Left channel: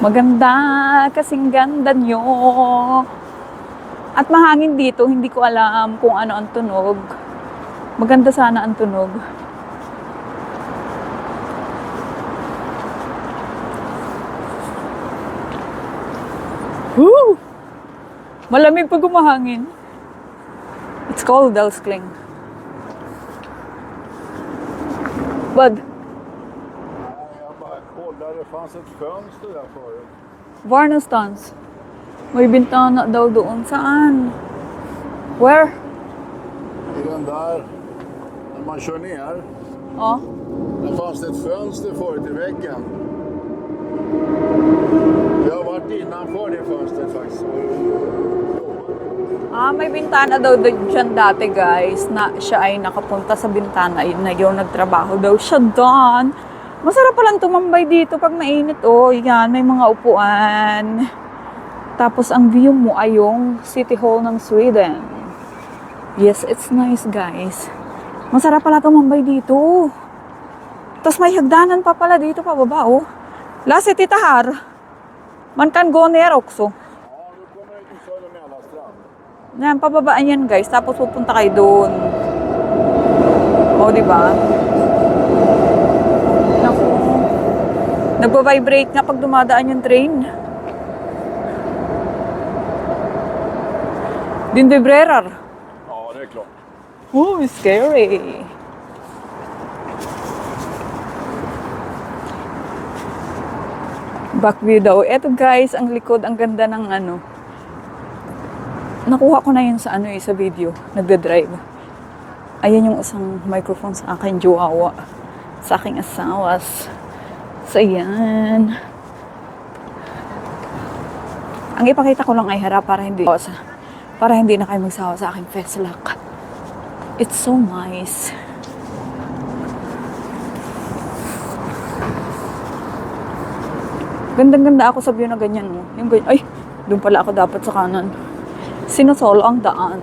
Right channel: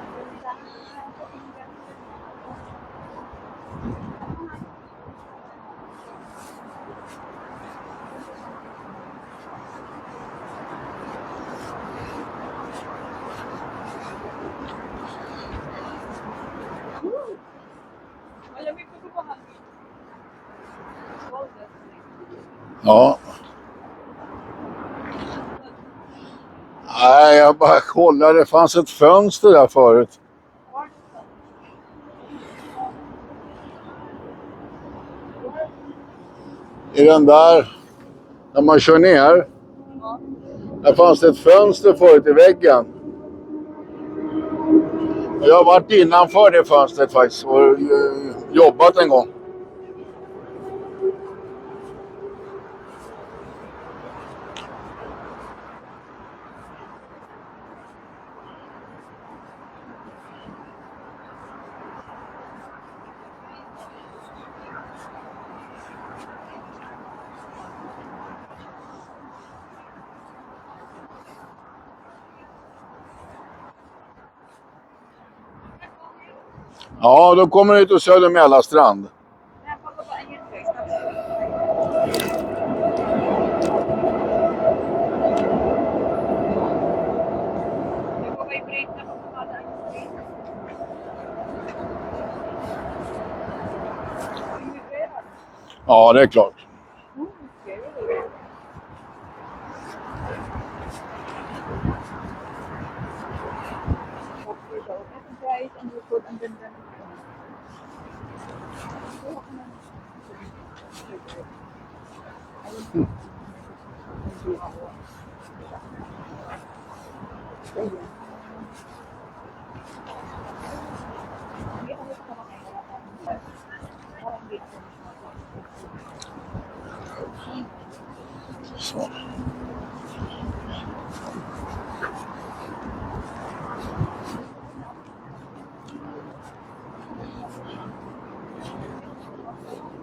Maganda, kasing ganda nyo. At mahangin dito, hindi ko alam kung ano ang tunog. Maganda sana ang tunog. Woo! Malamig pag umahangin. It's called Älskling. Ja. Vad? Nej, jag bara kollade. Det fanns ett fönster där förut. Var någonstans? May bintana daw doon. Saan? Where? I den där, när man kör ner, Oh. där fanns det ett fönster förut i väggen. Jag har varit innanför det fönstret faktiskt och jobbat en gång. May bintana daw dyan dati, guys, na siya ay nakapunta sa bintana na yun, nagtrabaho daw siya doon. Masarap palang tumambay dito pag mainit. Oh, yan, may mga upuan. Tapos ang view mo ay yung City Hall ng Sweden. Yes, it's nice, guys. Masarap pala tumambay dito. Tapos may hagdanan pa pala dito pababa, oh. Lasse, titta här. Man kan gå ner också. Ja, då kommer du till Söder Mälarstrand. Yan, pababaan yan, guys. Tapos pupunta kayo doon. O, di ba? Naku. Nagpa-vibrate nga pag dumadaan yung train. Din vibrerar. Ja, det är klart. Oh, scary. Back view daw. Eto, guys, ang likod, ang ganda ng ano. Nakuha ko na yun sa ano sa video. Nagda-drive. Ayan yung isang microphone sa akin, jowa. Sa aking asawas. So, ayan. Ang ipakita ko lang ay harap para hindi na kayo magsawa sa aking feslak. It's so nice. Så. Gandang-ganda ako sa view na ganyan, no? Yung, ay, doon pala ako dapat sa kanan. Sinosolo ang daan.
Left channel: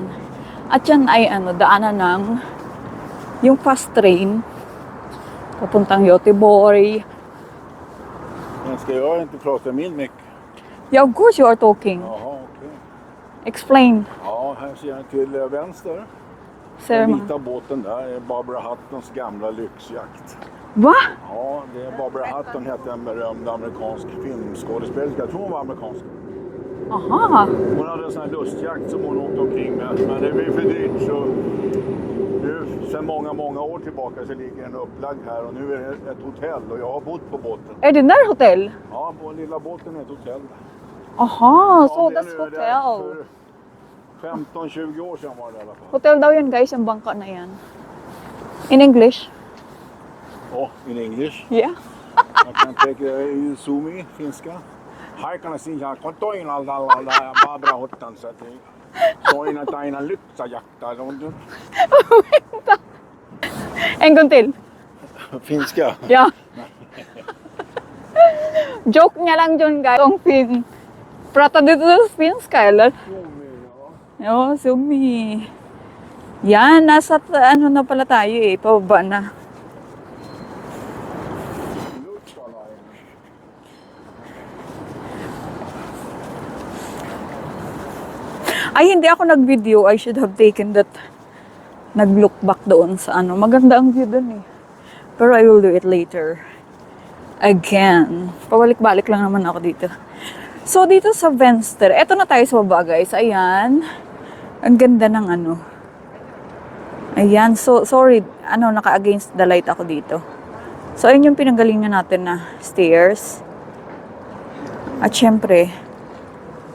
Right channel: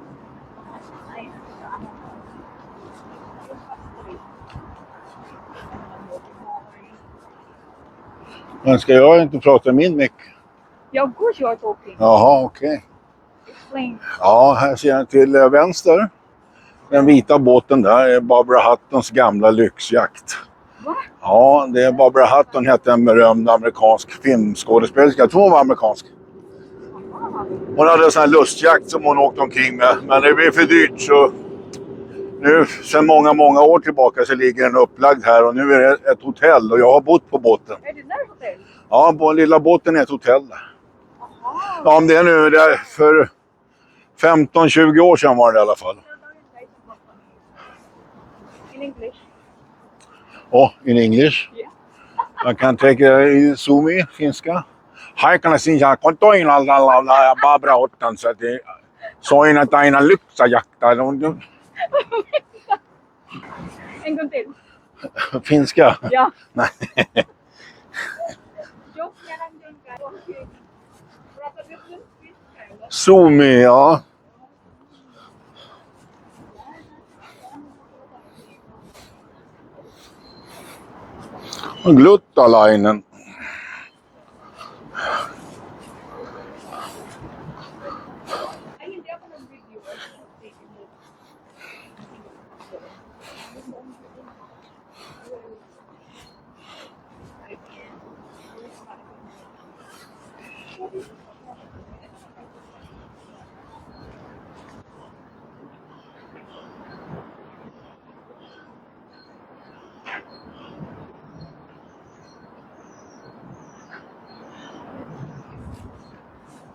At yan ay daanan ng yung fast train papuntang Göteborg. Men ska jag inte prata min mick? Yeah, of course you are talking. Jaha, okej. Explain. Ja, här ser jag till vänster. Den vita båten där är Barbara Huttons gamla lyxjakt. Va? Ja, det är Barbara Hutton, hette en berömd amerikansk filmskådespelerska. Jag tror hon var amerikansk. Aha. Hon hade en sån här lustjakt som hon åkte omkring med. Men det blev för dyrt så nu sedan många år tillbaka så ligger den upplagd här och nu är det ett hotell och jag har bott på båten. Är det där hotell? Ja, på lilla båten är ett hotell. Aha. Ja, om det är nu det är för 15-20 år sedan var det i alla fall. Hotel daw yan, guys, ang bangka na yan. In English? Oh, in English. Yeah. Man kan tänka i Sumi, finska. Här kan jag säga kontoina la Barbara Hutton så att det soina taina lyxajakta. En gång till. Finska? Yeah. Nej. Joke nga lang dyan, guys. Ang fin. Prata dito sa finska, eller? Sumi, ja. Oo, Sumi. Yan, nasa ano na pala tayo eh. Pababa na. Gluttalainen. Ay, hindi ako nag-video. I should have taken that. Nag-look back doon sa ano. Maganda ang view doon eh. Pero I will do it later. Again. Pabalik-balik lang naman ako dito. So, dito sa Vänster. Eto na tayo sa baba, guys. Ayan. Ang ganda ng ano. Ayan. So, sorry. Naka-against the light ako dito. So, ayun yung pinanggalingan natin na stairs. At syempre,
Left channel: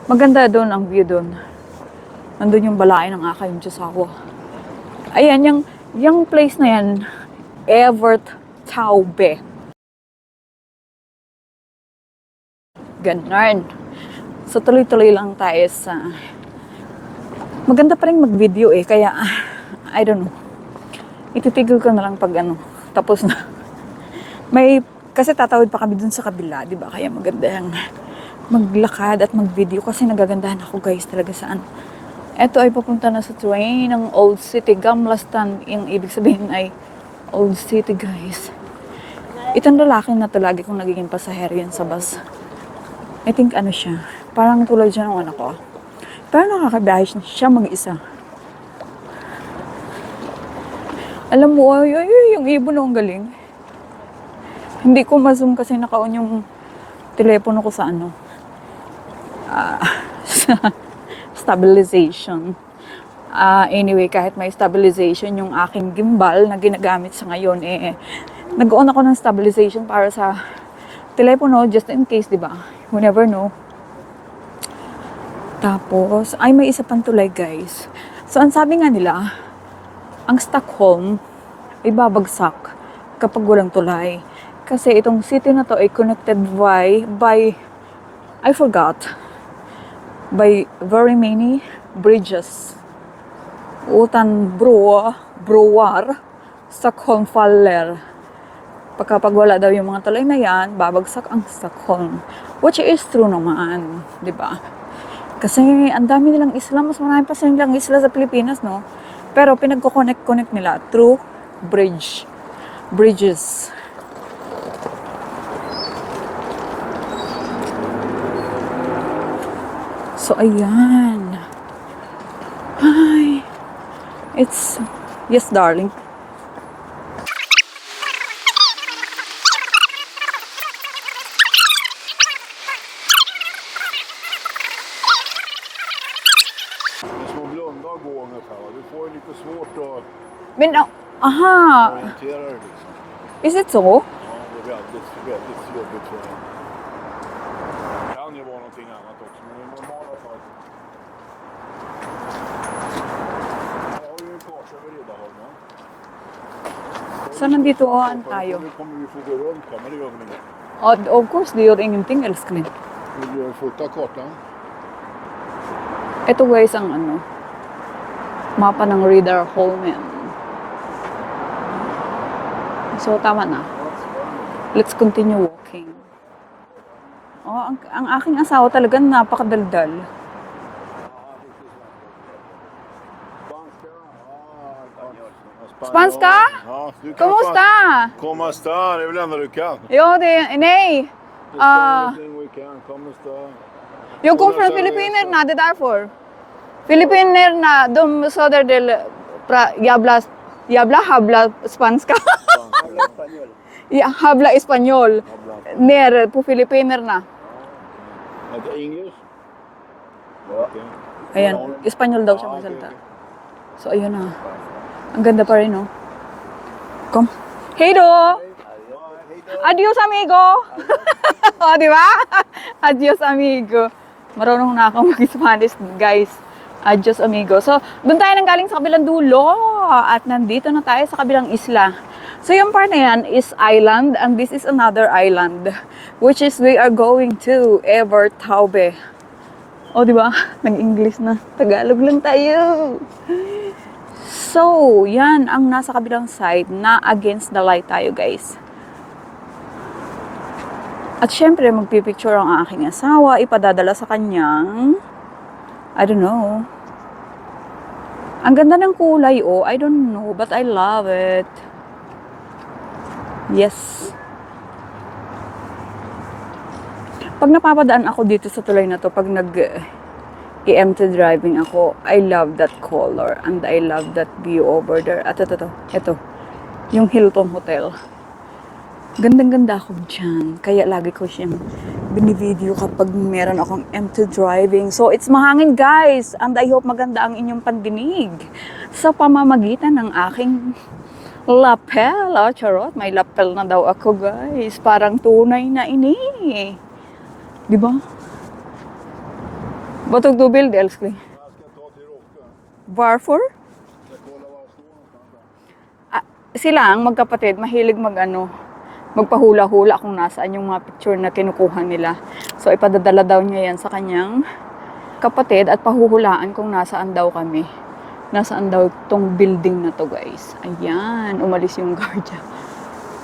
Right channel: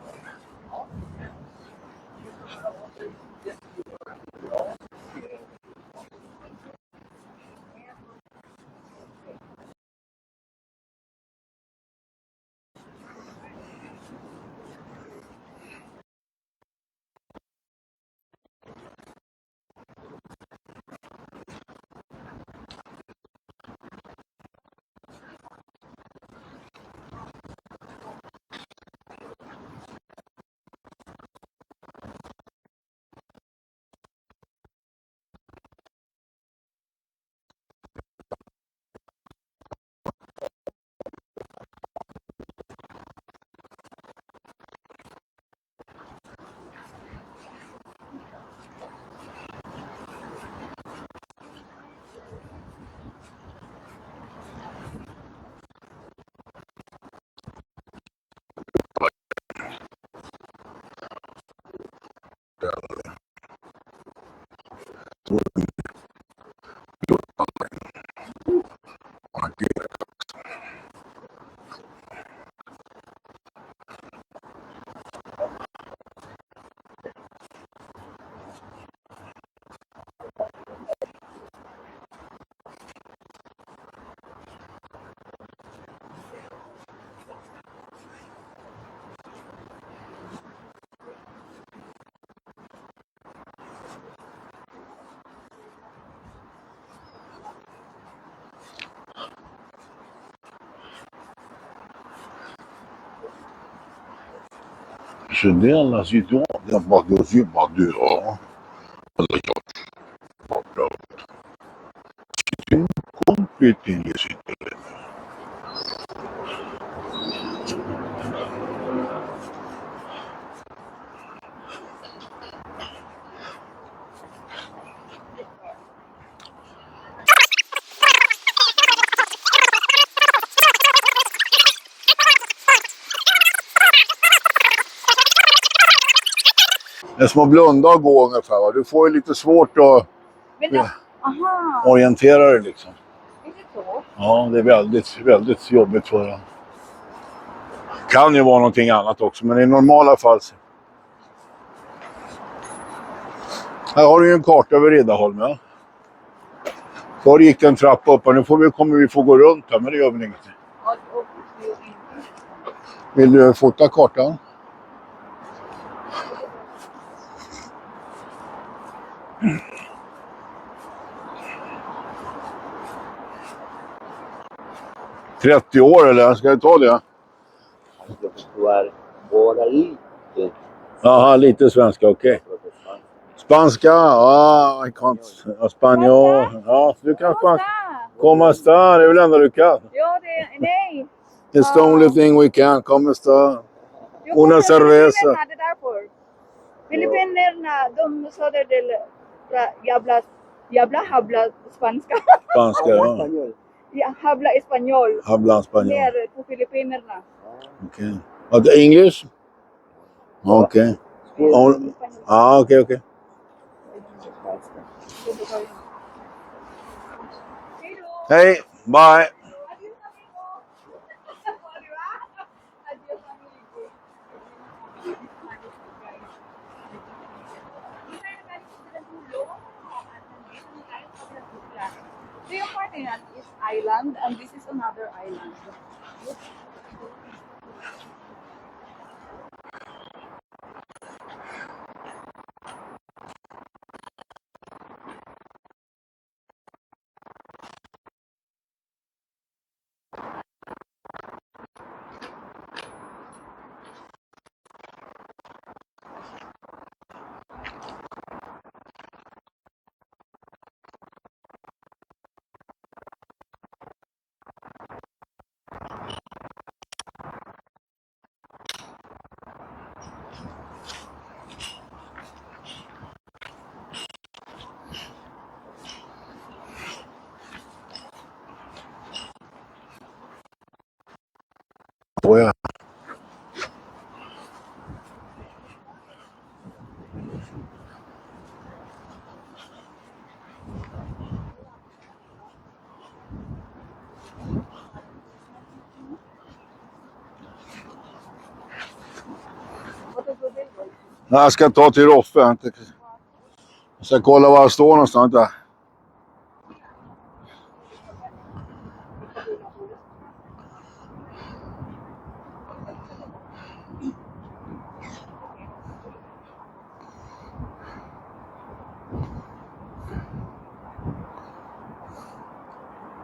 maganda doon ang view doon. Nandun yung balae ng Akay yung Tiyosawa. Ayan, yung place na yan, Evert Taube. Ganun. So, tuloy-tuloy lang tayo sa... Maganda pa rin mag-video eh, kaya, I don't know. Ititigil ko na lang pag tapos na. Kasi tatawid pa kami dun sa kabila, di ba? Kaya maganda yung maglakad at mag-video kasi nagagandahan ako, guys, talaga saan. Ito ay papunta na sa train ng Old City, Gamla Stan. Yung ibig sabihin ay Old City, guys. Itong lalaki na to, lagi kong nagiging pasahero yan sa bus. I think ano siya, parang tulad siya ng anak ko. Pero nakakabiyahe siya mag-isa. Alam mo, yung ibon ang galing. Hindi ko ma-zoom kasi naka-on yung telepono ko sa ano. Sa stabilization. Anyway, kahit may stabilization, yung aking gimbal na ginagamit sa ngayon, nag-on ako ng stabilization para sa telepono, just in case, di ba? You never know. Tapos, ay may isa pang tulay guys. So, ang sabi nga nila, ang Stockholm ay babagsak kapag walang tulay. Kasi itong city na to ay connected by I forgot, by very many bridges. Utan Broar, Stockholm faller. Pagkapag wala daw yung mga tulay na yan, babagsak ang Stockholm. Which is true naman, di ba? Kasi ang dami nilang isla, mas marami pa silang isla sa Pilipinas, no? Pero pinagko-connect nila through bridges. So, ayan. Hi. Yes, darling. Det är som att blunda och gå ungefär. Va? Du får ju lite svårt att Men, aha. orientera dig liksom. Is it so? Ja, det är väldigt jobbigt för dig. Kan ju vara någonting annat också, men i normala fall. Här har du ju en karta över Riddarholm, ja. Då gick en trappa upp och nu kommer vi få gå runt här, men det gör väl inget. Of course, det gör ingenting, älskling. Vill du fota kartan? Ito guys ang ano, mapa ng Riddarholm yan. So, tama na. Let's continue. 30 år eller? Ska jag ta det? Ang aking asawa talaga napakadaldal. Jaha, lite svenska, okej. Spanska? I can't. Spanjol. Spanska? Ja, du kan Kumusta? Como está? Det är väl enda du kan. Jo, nej. It's the only thing we can. Como está? Jag kommer Una från cerveza. Filippinerna, det är därför. Filippinerna, de söder del habla spanska. Spanska, ja. Ja, habla español. Habla español. Ner på Filippinerna. Okay. English? Okay. Ayan, Espanyol daw. Okay. So, ayun na. Ang ganda pa rin, no? Come. Hey, do! Hey, bye. Adios, amigo! O, di ba? Adios, amigo. Marunong na akong mag-Spanish, guys. Adios, amigo. So, doon tayo nang galing sa kabilang dulo. At nandito na tayo sa kabilang isla. So, yung part na yan is island. And this is another island. Which is we are going to Evertaube. O, di ba? Nag-English na. Tagalog lang tayo. So, yan ang nasa kabilang side na against the light tayo, guys. At syempre, magpipicture ang aking asawa, ipadadala sa kanyang, I don't know. Ang ganda ng kulay, oh. I don't know, but I love it. Yes. Pag napapadaan ako dito sa tulay na to, pag nag-empty driving ako, I love that color and I love that view over there. At ito, yung Hilton Hotel. Gandang-ganda ako dyan. Kaya lagi ko siyang binivideo kapag meron akong empty driving. So, it's mahangin, guys. And I hope maganda ang inyong pandinig sa pamamagitan ng aking lapel. Oh, charot. May lapel na daw ako, guys. Parang tunay na ini. Di ba? Vad tog du bild, älskling? Jag ska ta till Roffe. Varför? Ska kolla var jag står någonstans där. Silang magkapatid, mahilig magpahula-hula kung nasaan yung mga picture na kinukuha nila. So, ipadadala daw niya yan sa kanyang kapatid at pahuhulaan kung nasaan daw kami. Nasaan daw tong building na to, guys. Ayan, umalis yung guardia.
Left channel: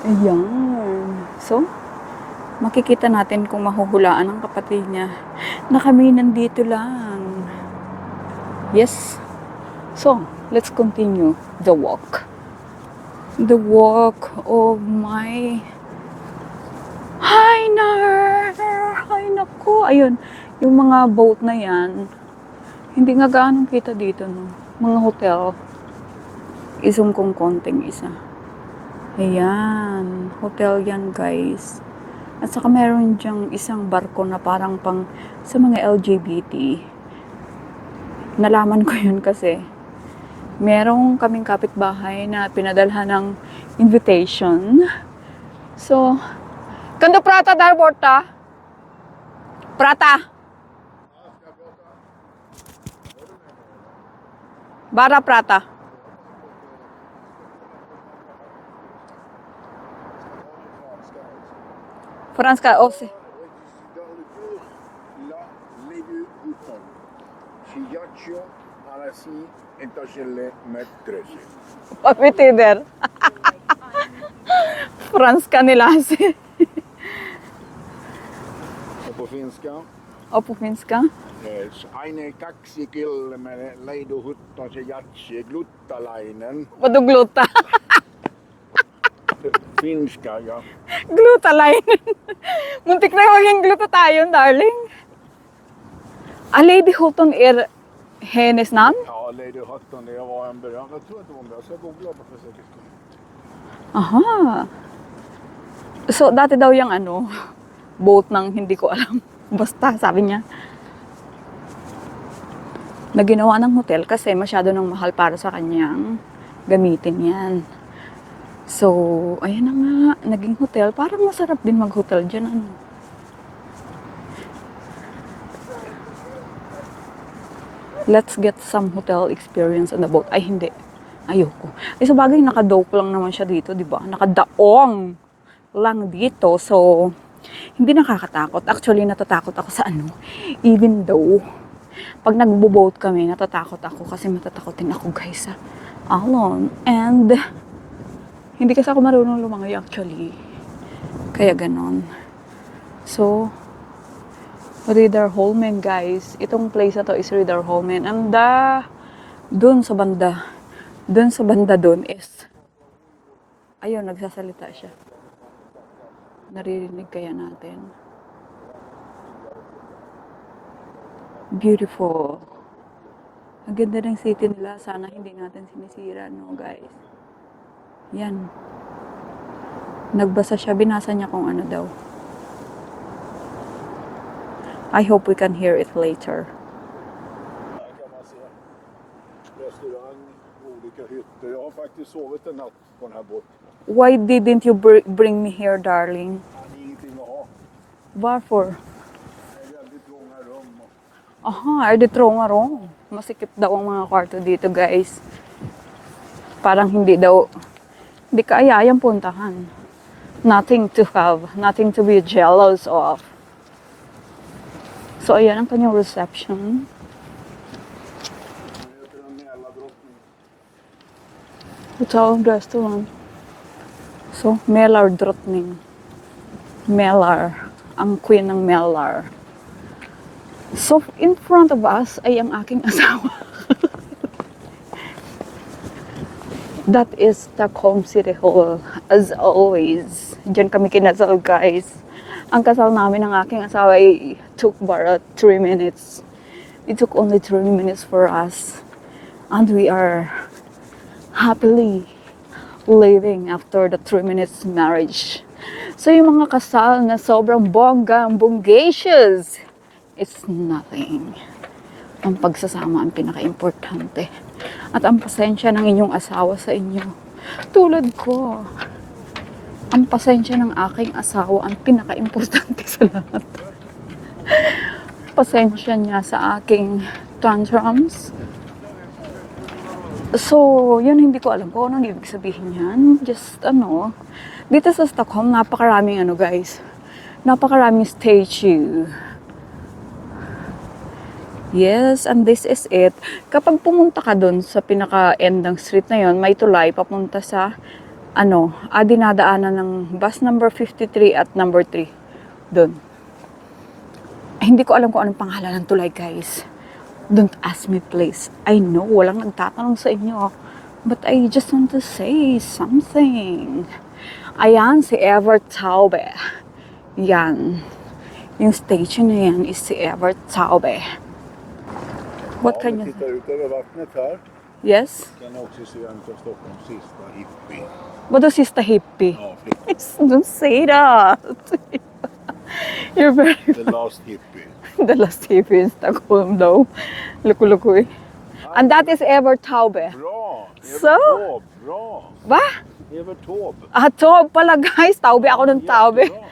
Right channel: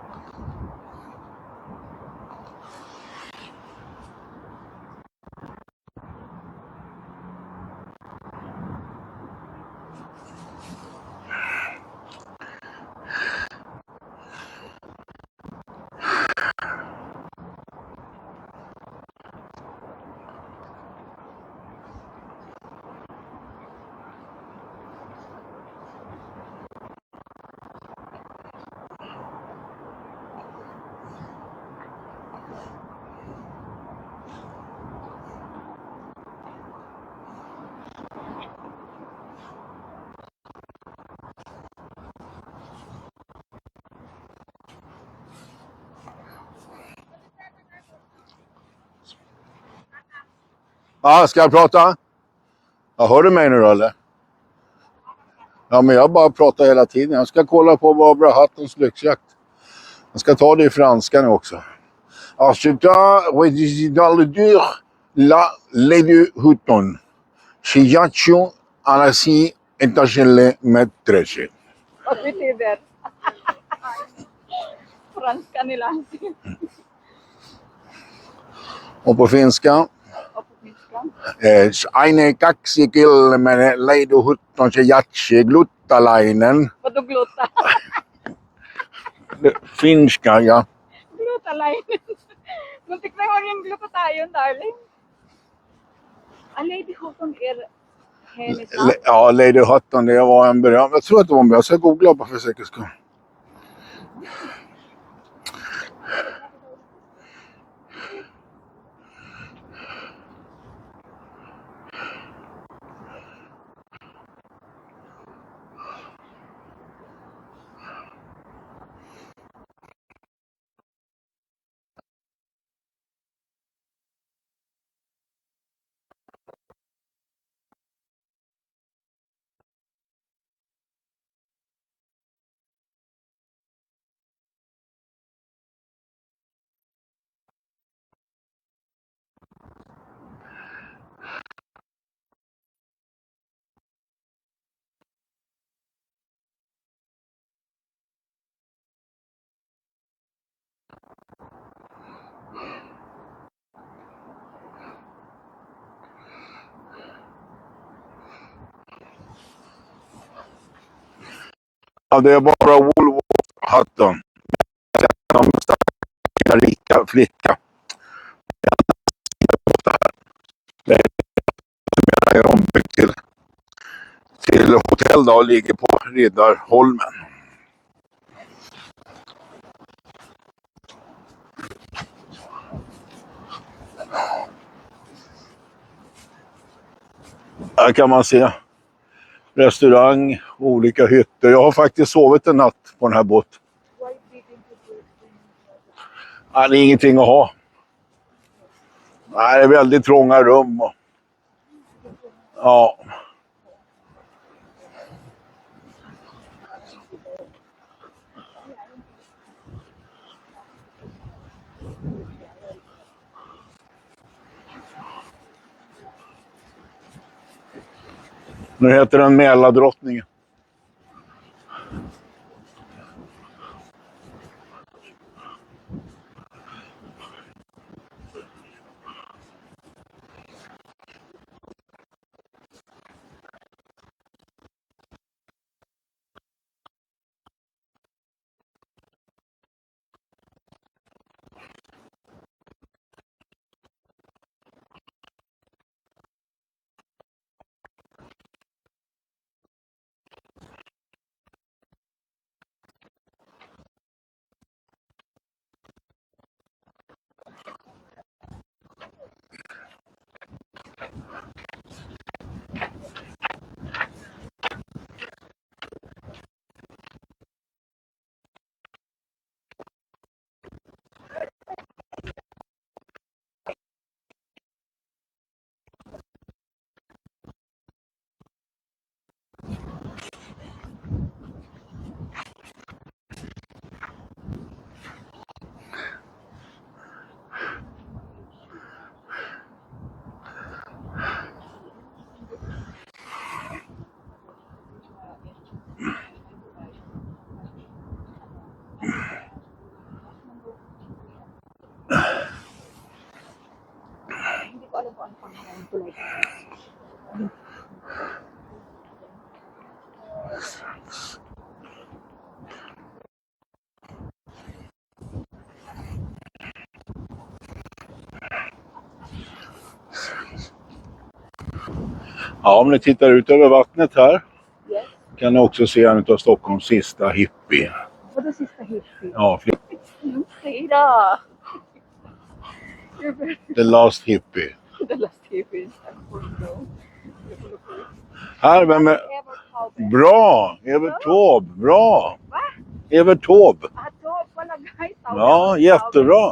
Ayan. So, makikita natin kung mahuhulaan ng kapatid niya na kami nandito lang. Yes. So, let's continue the walk. The walk of my... Hi, Nar! Ay, naku! ko, ayun, yung mga boat na yan, hindi nga gaano kita dito, no? Mga hotel. Isum kong konting isa. Ayan, hotel yan guys. At saka meron dyang isang barko na parang pang sa mga LGBT. Nalaman ko yun kasi merong kaming kapitbahay na pinadalhan ng invitation. So, kan du prata där borta? Prata! Ska jag prata? Ja, hör du mig nu då, eller? Bara prata. Ja, men jag bara pratar hela tiden. Jag ska kolla på Barbara Hattens lyxjakt. Jag ska ta det i franska nu också. Franska också. Ensuite, dans le dur, la Lady Hutton. Chiacho, Anasi, Etagele, Metresi. Vad betyder? Franska nila kasi. Och på finska, O po finska? Aine kaksikil med Lady Hutton Chiachi Gluttalainen. Padugluta. Finska, ja. Gluta line. Muntik na maging gluta tayo, darling. Lady Houghton är hennes namn? Ja, Lady Hutton, det var en beröm. Jag tror att det var en beröm. Jag ska googla bara för säkerhets skull. Aha. So, dati daw yung boat ng hindi ko alam. Basta, sabi niya, na ginawa ng hotel kasi masyado nang mahal para sa kanyang gamitin yan. So, ayan na nga, naging hotel. Parang masarap din mag-hotel dyan, Let's get some hotel experience on the boat. Ay, hindi. Ayoko. Ay, sa bagay, nakadock lang naman siya dito, di ba? Nakadaong lang dito. So, hindi nakakatakot. Actually, natatakot ako sa Even though, pag nagbo-boat kami, natatakot ako kasi matatakotin ako, guys, sa alon. And, hindi kasi ako marunong lumangoy actually. Kaya ganon. So, Riddarholmen guys. Itong place na to is Riddarholmen. And dun sa banda. Dun sa banda dun. Ja, det är bara Wolf Ayun, Hutton. sasalita siya. Rika flicka. Beautiful. Det är ombyggt Ang ganda ng city. till hotell då och ligger på Riddarholmen. Yan. Nagbasa siya. Binasa niya kung ano daw. I hope we can hear it later. Här kan man se restaurang, olika hytter. Jag har faktiskt sovit en natt på den här båten. Why didn't you bring me here, darling? Det är ingenting att ha. Varför? Nej, det är väldigt trånga rum. Aha, är det trånga rum? Oo. Masikip daw ang mga kwarto dito, guys. Parang hindi kaayayang puntahan. Nothing to have, nothing to be jealous of. So, ayan ang kanyang reception. Nu heter den Mälardrottningen. Hotel and restaurant. So, Mälardrottning. Mälar. Ang queen ng Mälar. So, in front of us ay ang aking asawa. That is Stockholm City Hall. As always. Diyan kami kinasal, guys. Ang kasal namin ng aking asawa ay took bara 3 minutes. It took only 3 minutes for us. And we are happily living after the 3 minutes marriage. So yung mga kasal na sobrang bonggacious, it's nothing. Ang pagsasama ang pinaka-importante. At ang pasensya ng inyong asawa sa inyo. Tulad ko. Ang pasensya ng aking asawa ang pinaka-importante sa lahat. Pasensya niya sa aking tantrums. So, yun hindi ko alam kung anong ibig sabihin yan. Just, dito sa Stockholm, napakaraming guys. Napakaraming statue. Yes, and this is it. Kapag pumunta ka dun sa pinaka-end ng street na yon, may tulay papunta sa, dinadaanan ng bus number 53 at number 3. Dun. Hindi ko alam kung anong pangalan ng tulay, guys. Don't ask me, please. I know, walang nagtatanong sa inyo. But I just want to say something. Ayan, si Evert Taube. Yan. Yung station na yan is si Evert Taube. Ja, om ni tittar ut över vattnet här Yes? kan ni också se en av Stockholms sista hippie. Vadå sista hippie? Ja, Don't say that! You're very... the last hippie. The last hippie in Stockholm daw. Loko-loko eh. Här, And that men- is Evert Taube. Bra! Evert Så? Taube, bra! Va? Evert Taube. Ah, Taube pala guys. Taube ako Ja, ng Taube. jättebra.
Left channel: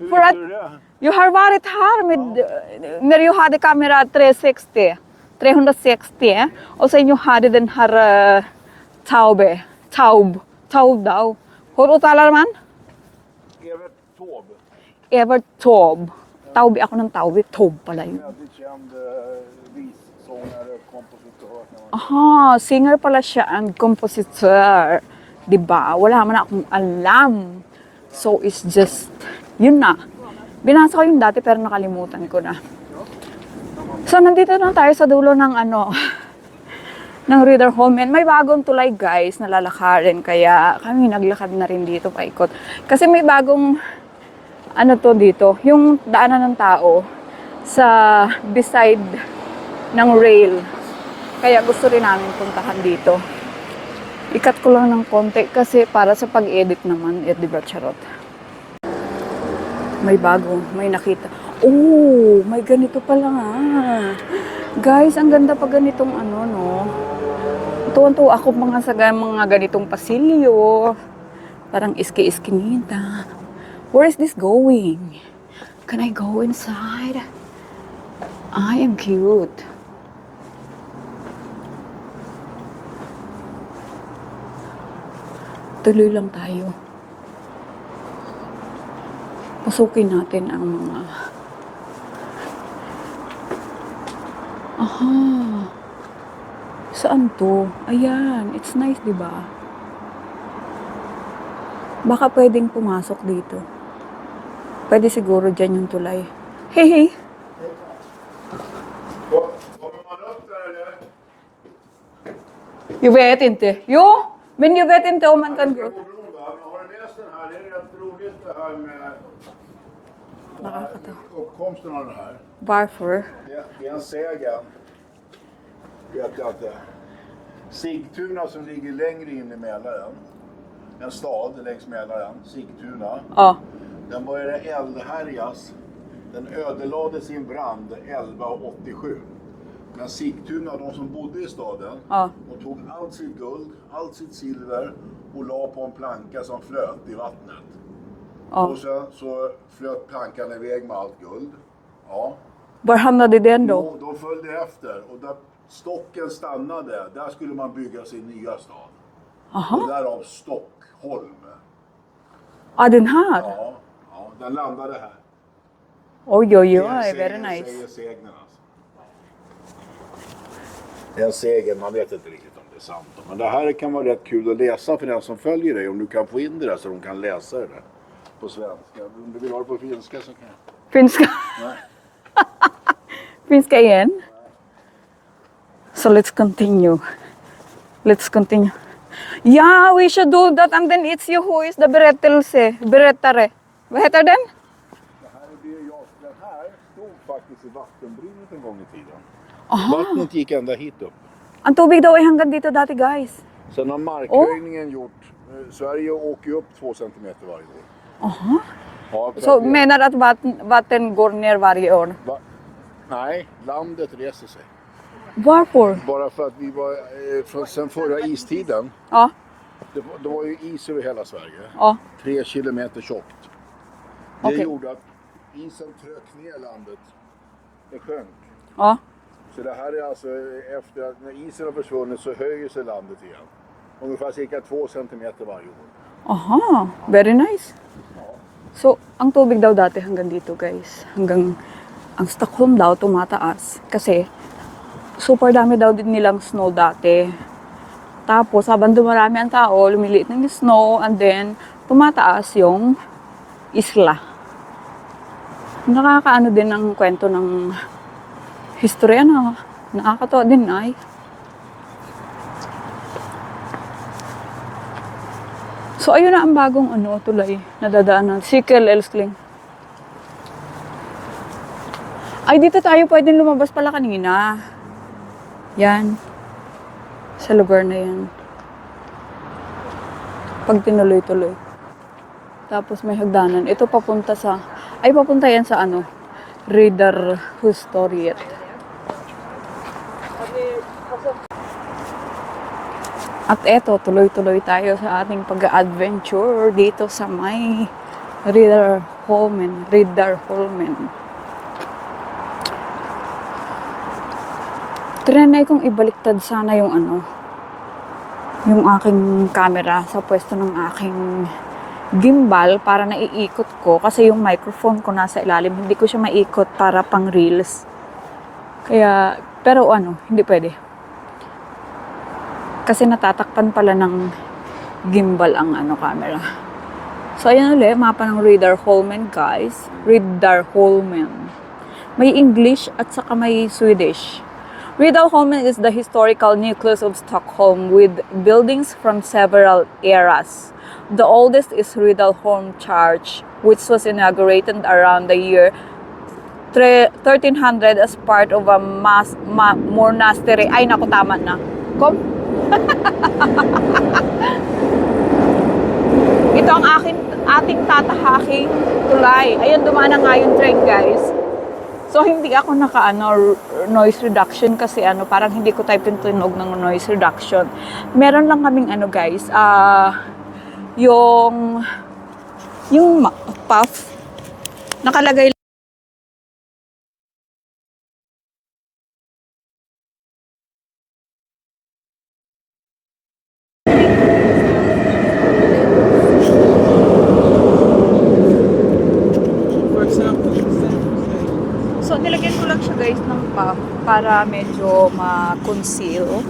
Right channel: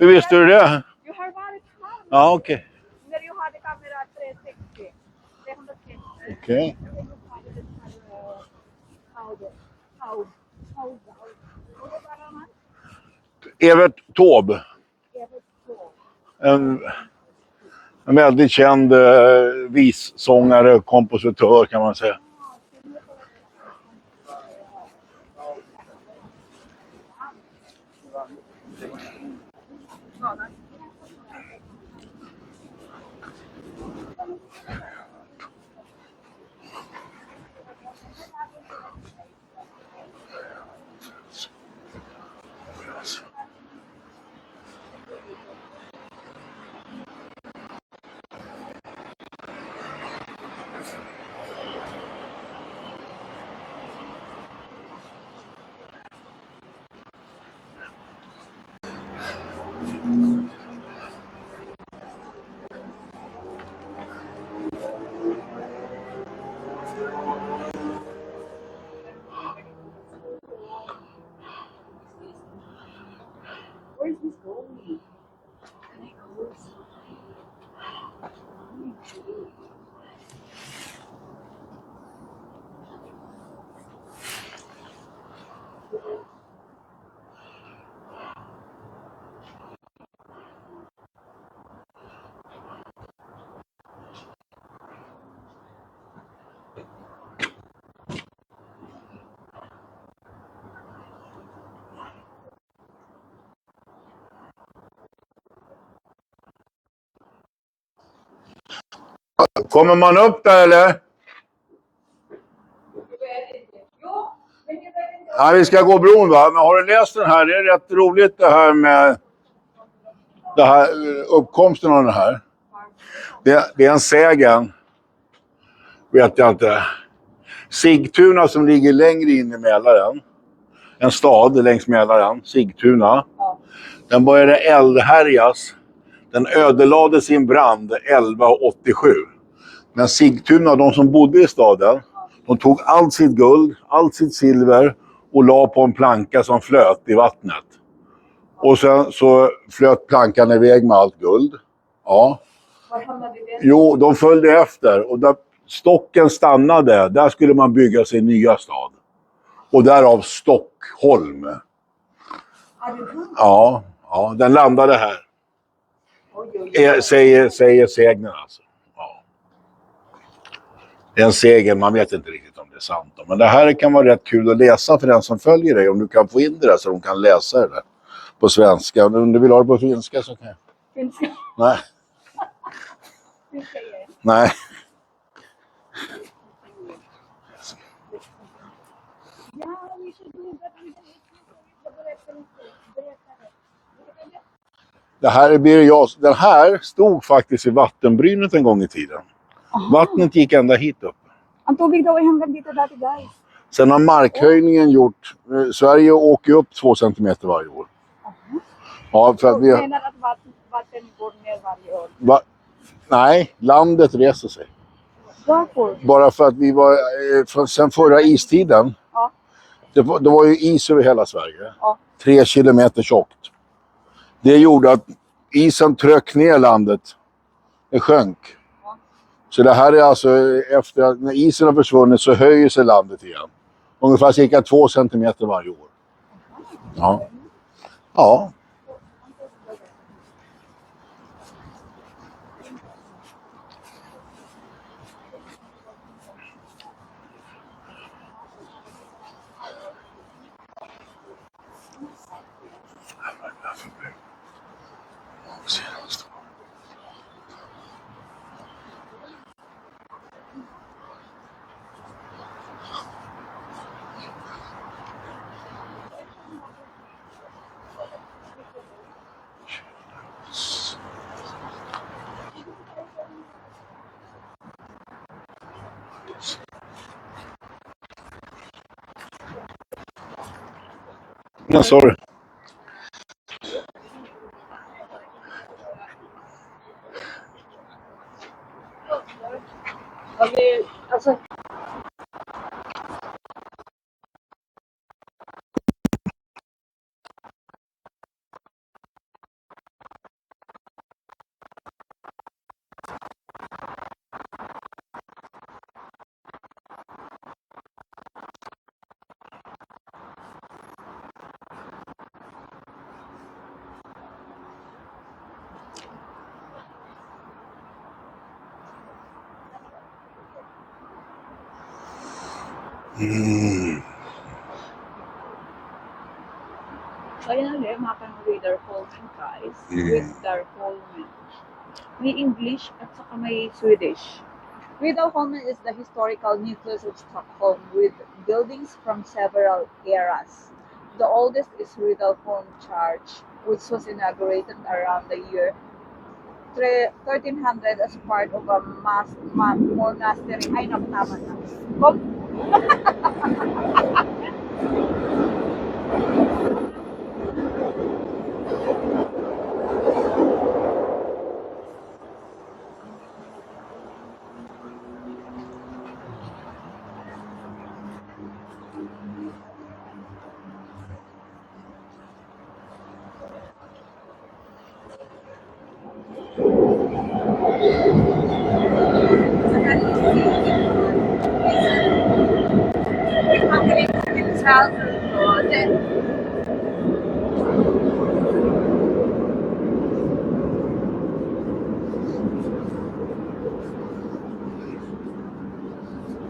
Hur visste du det? You har varit här med, Ja, okej. när du hade kamera 360. 360. Okej. Och sen you hade den här Taube. Taube daw. Hur uttalar man? Evert Taube. Evert Taube. En- Taube ako ng Taube. Taube pala En yun. väldigt känd vissångare, kompositör kan man säga. Ah, singer pala siya and compositor. Diba? Wala man akong alam. So it's just, yun na. Binasa ko yung dati pero nakalimutan ko na. So nandito na tayo sa dulo ng ng Reader Home. And may bagong tulay guys na lalakarin. Kaya kami naglakad na rin dito paikot. Kasi may bagong dito, yung daanan ng tao sa beside ng rail. Kaya gusto rin namin puntahan dito. Ikat ko lang ng konti kasi para sa pag-edit naman, di ba, charot? May bago, may nakita. Oh, may ganito pala nga. Guys, ang ganda pa ganitong no. Tuwan-tuwa ako mga ganitong pasilyo. Parang iski-iskinita. Where is this going? Can I go inside? I am cute. Tuloy lang tayo. Pasukin natin ang mga... Aha. Saan to? Ayan. It's nice, di ba? Baka pwedeng pumasok dito. Pwede siguro dyan yung tulay. Hey, hey. Kommer man upp där eller? Jag vet inte. Jo, men jag vet inte om... Ja, vi ska gå bron va? Men har du läst den här? Det är rätt roligt det här med uppkomsten av den här. Varför? Det är en sägen. Vet jag inte. Sigtuna som ligger längre in i Mälaren. En stad längs Mälaren, Sigtuna. Ja. Den började eldhärjas. Den ödelades i en brand 1187. Men Sigtuna, de som bodde i staden, Ja. de tog allt sitt guld, allt sitt silver och la på en planka som flöt i vattnet. Ja. Och sen så flöt plankan iväg med allt guld. Ja. Var hamnade den då? Jo, de följde efter och där stocken stannade, där skulle man bygga sin nya stad. Aha. Och därav Stockholm. Ah, den här? Ja, den landade här. Oj. Säger sägnen alltså. Ja. Det är en segel, man vet inte riktigt om det är sant. Då. Men det här kan vara rätt kul att läsa för den som följer dig. Om du kan få in det där så de kan läsa det där på svenska. Om du vill ha det på finska så kan jag. Finska. Nej. Finska igen. Nej. So let's continue. Yeah, we should do that and then it's you who is the berättare. Vad heter den? Det här är Birger Jarls. Den här stod faktiskt i vattenbrynet en gång i tiden. Vattnet gick ända hit upp. Ang tubig daw ay hanggang dito dati, guys. Sen har markhöjningen gjort... Sverige åker upp 2 centimeter varje år. Ja, för Så att vi, menar att vatten går ner varje år. nej, landet reser sig. Varför? Bara för att vi var... sen förra istiden, Ja, det var ju is över hela Sverige. ja. 3 kilometer tjockt. Det gjorde att isen tryck ner landet. Det sjönk. Ja. Så det här är alltså efter att när isen har försvunnit så höjer sig landet igen. Ungefär cirka 2 centimeter varje år. Aha, Ja. very nice. Ja. So, ang tubig daw dati hanggang dito, guys. Hanggang ang Stockholm daw tumataas. Kasi, super dami daw din nilang snow dati. Tapos, habang dumarami ang tao, lumiliit ng snow, and then, tumataas yung isla. Nakakaano din ang kwento ng history, nakakatawa din, ay. So, ayun na ang bagong tulay na dadaanan. Sikkel, Elskling. Ay, dito tayo pwedeng lumabas pala kanina. Yan. Sa lugar na yan. Pag tinuloy-tuloy. No, sorry. Tapos may hagdanan. Ito papunta sa... Ay, papunta yan sa ano? Radar Historiet. At eto, tuloy-tuloy tayo sa ating pag-adventure dito sa may Radar Holmen. Trinay kong ibaliktad sana yung ano, yung aking camera sa pwesto ng aking gimbal para naiikot ko kasi yung microphone ko nasa ilalim, hindi ko siya maikot para pang reels. Kaya, pero ano, hindi pwede. Kasi natatakpan pala ng gimbal ang ano, camera. So, ayan ulit, mapa ng Radar Holmen, guys. Radar Holmen. May English at saka may Swedish. Radar Holmen is the historical nucleus of Stockholm with buildings from several eras. The oldest is Riddarholm Church, which was inaugurated around the year 1300 as part of a monastery. Ay, naku, tama na. Ito ang ating tatahaking tulay. Ayun, dumaan na nga yung train, guys. So, hindi ako noise reduction kasi parang hindi ko type yung tunog ng noise reduction. Meron lang kaming guys, yung puff, nakalagay So, nilagyan ko lang siya guys ng puff para medyo ma-conceal.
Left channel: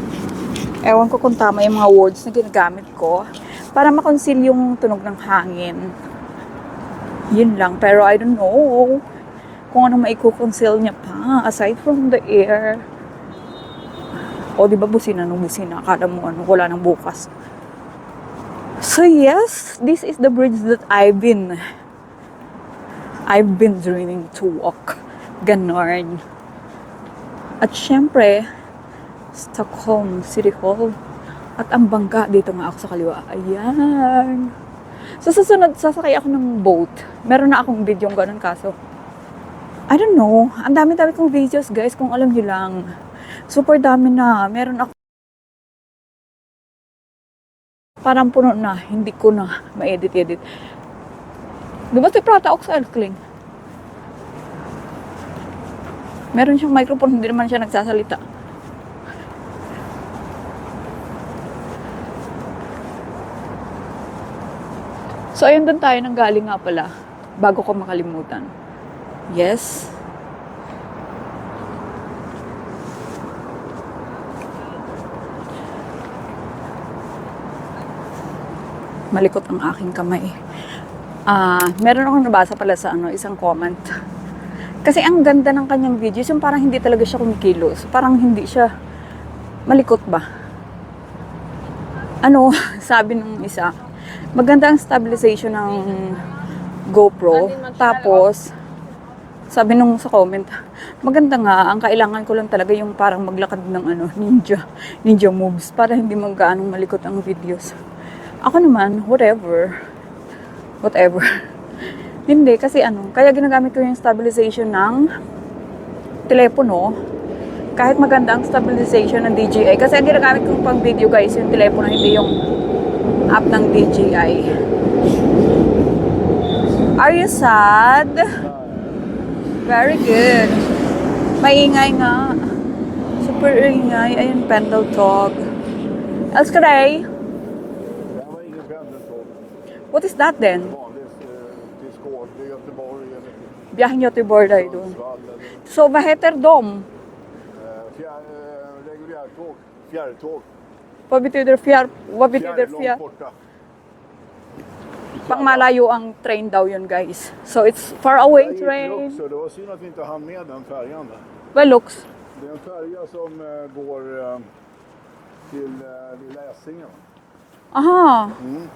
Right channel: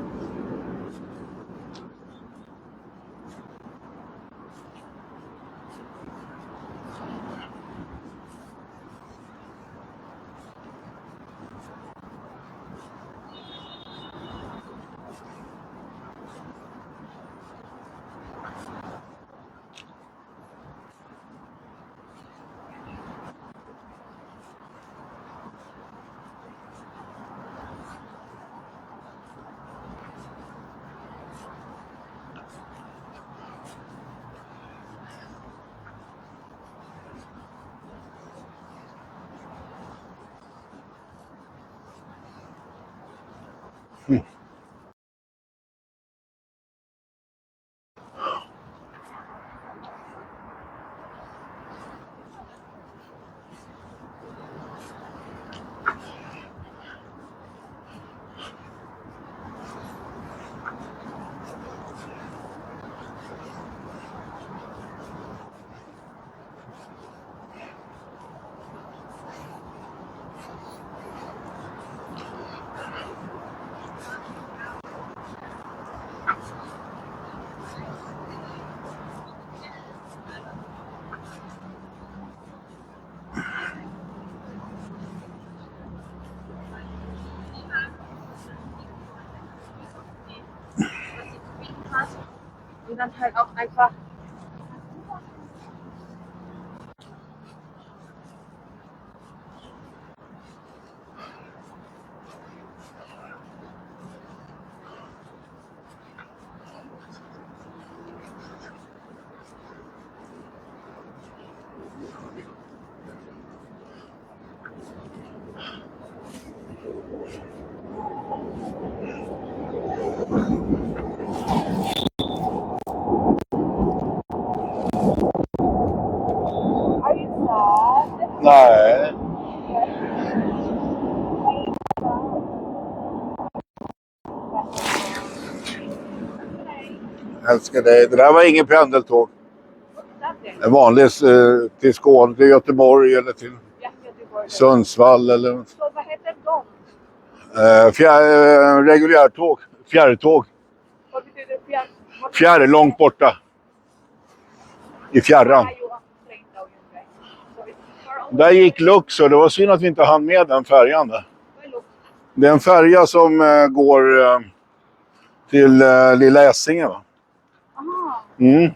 Ewan ko kung tama yung mga words na ginagamit ko. Para ma-conceal yung tunog ng hangin. Yun lang. Pero I don't know kung ano maiko-conceal niya pa aside from the air. O, di ba busina nung busina? Akala mo wala nang bukas. So yes, this is the bridge that I've been dreaming to walk. Ganon. At syempre, Stockholm City Hall. At ang bangka, dito nga ako sa kaliwa. Ayan. So susunod, sasakay ako ng boat. Meron na akong video ganon kaso. I don't know. Ang dami-dami kong videos guys, kung alam nyo lang. Super dami na. Meron ako. Parang puno na. Hindi ko na ma-edit-edit. Diba si Prata Oxalkling? Meron siyang microphone, hindi naman siya nagsasalita. So, ayun doon tayo nang galing nga pala. Bago ko makalimutan. Yes. Malikot ang aking kamay. Meron akong nabasa pala sa isang comment. Kasi ang ganda ng kanyang videos, yung parang hindi talaga siya kumikilos. Parang hindi siya malikot ba? Sabi ng isa, maganda ang stabilization ng GoPro. Tapos, sabi nung sa comment, maganda nga, ang kailangan ko lang talaga yung parang maglakad ng ninja moves para hindi gaanong malikot ang videos. Ako naman, whatever. Hindi, kasi kaya ginagamit ko yung stabilization ng telepono. Kahit maganda ang stabilization ng DJI. Kasi ang ginagamit kong pang video guys, yung telepono, hindi yung app ng DJI. Are you sad? Nej. Very good. Maingay nga. Super ingay. Ayun, pendeltåg. Älskar dig. Älskar dig. Det där var ingen pendeltåg. What is that then? En vanlig till Skåne, till Göteborg eller till Biyahin Göteborg där. Sundsvall eller Så vad heter de? reguljärtåg. Fjärrtåg. Vad betyder Fjärr, långt borta. I fjärran. Malayo ang train daw yun guys. So it's far away. Där gick train. Luxor. Det var synd att vi inte hann med den färjan där. Vad är Lux? Det är en färja som går till Lilla Essingen. Va? Aha. Mm.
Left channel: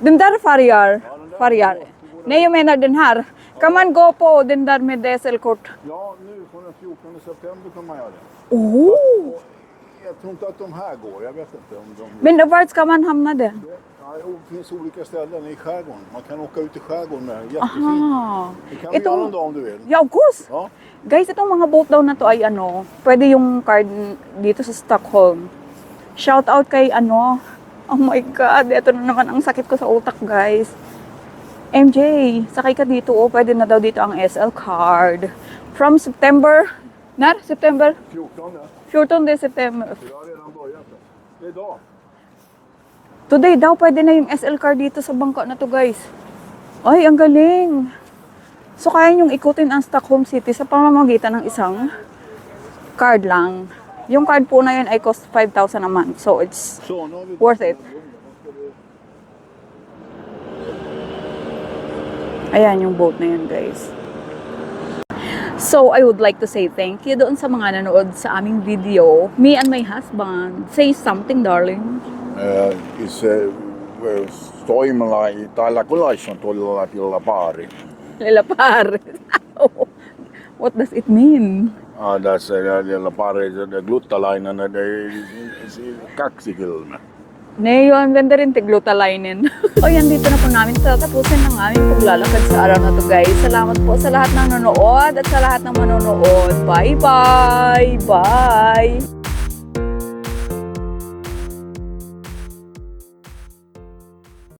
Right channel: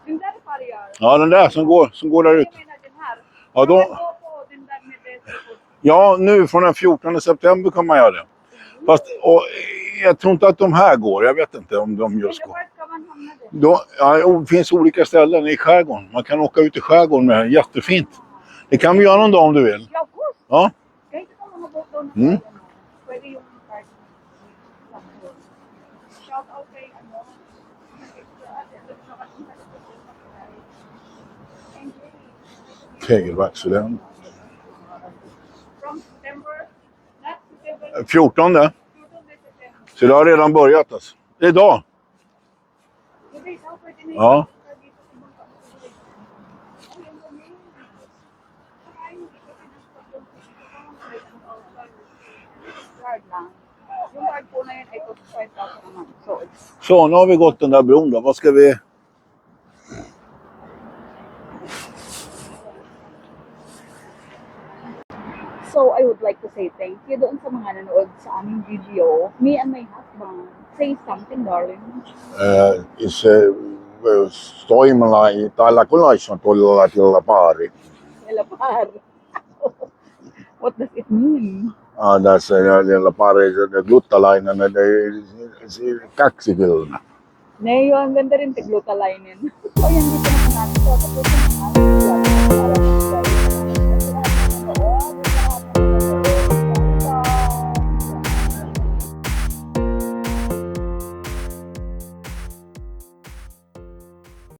Den där färjar. Ja, den där som går där Nej, ut. jag menar den här. Ja, Kan då- man gå på den där med SL-kort? Ja, nu från den 14 september kan man göra det. Oh. Fast, och, jag tror inte att de här går. Jag vet inte om de just... Men vart ska man hamna det? Det finns olika ställen i skärgården. Man kan åka ut i skärgården med jättefint. Aha. Det kan vi göra någon dag om du vill. Yeah, of course. Ja. Guys, itong mga boat daw na to ay ano, pwede yung card dito sa Stockholm. Shout out kay ano, oh my God, ito na naman ang sakit ko sa utak, guys. MJ, sakay ka dito, Hey, pwede na what's daw that? dito ang SL card. From September, September 14. 14 September. Så det har redan börjat alltså. Det är idag. Today daw, pwede na yung Ja. SL card dito sa bangka na to, guys. Ay, ang galing. So, kaya niyong ikutin ang Stockholm City sa pamamagitan ng isang card lang. Yung card po na yun ay cost 5,000 a month. So, it's... Så, nu har vi gått Worth den it. där bron då. Vad ska vi... Ayan yung boat na yun, guys. So, I would like to say thank you doon sa mga nanood sa aming video. Me and my husband. Say something, darling. Stoimalla täällä kylässä tuolla pari. Lalapar. What does it mean? Tässä pari, gluttalainen, kaksikylmä. Ne, ang ganda rin tiglutalainin. So yan, dito na po namin sa tapusin ng aming paglalakad sa araw na to, guys. Salamat po sa lahat ng nanonood at sa lahat ng manonood. Bye-bye! Bye!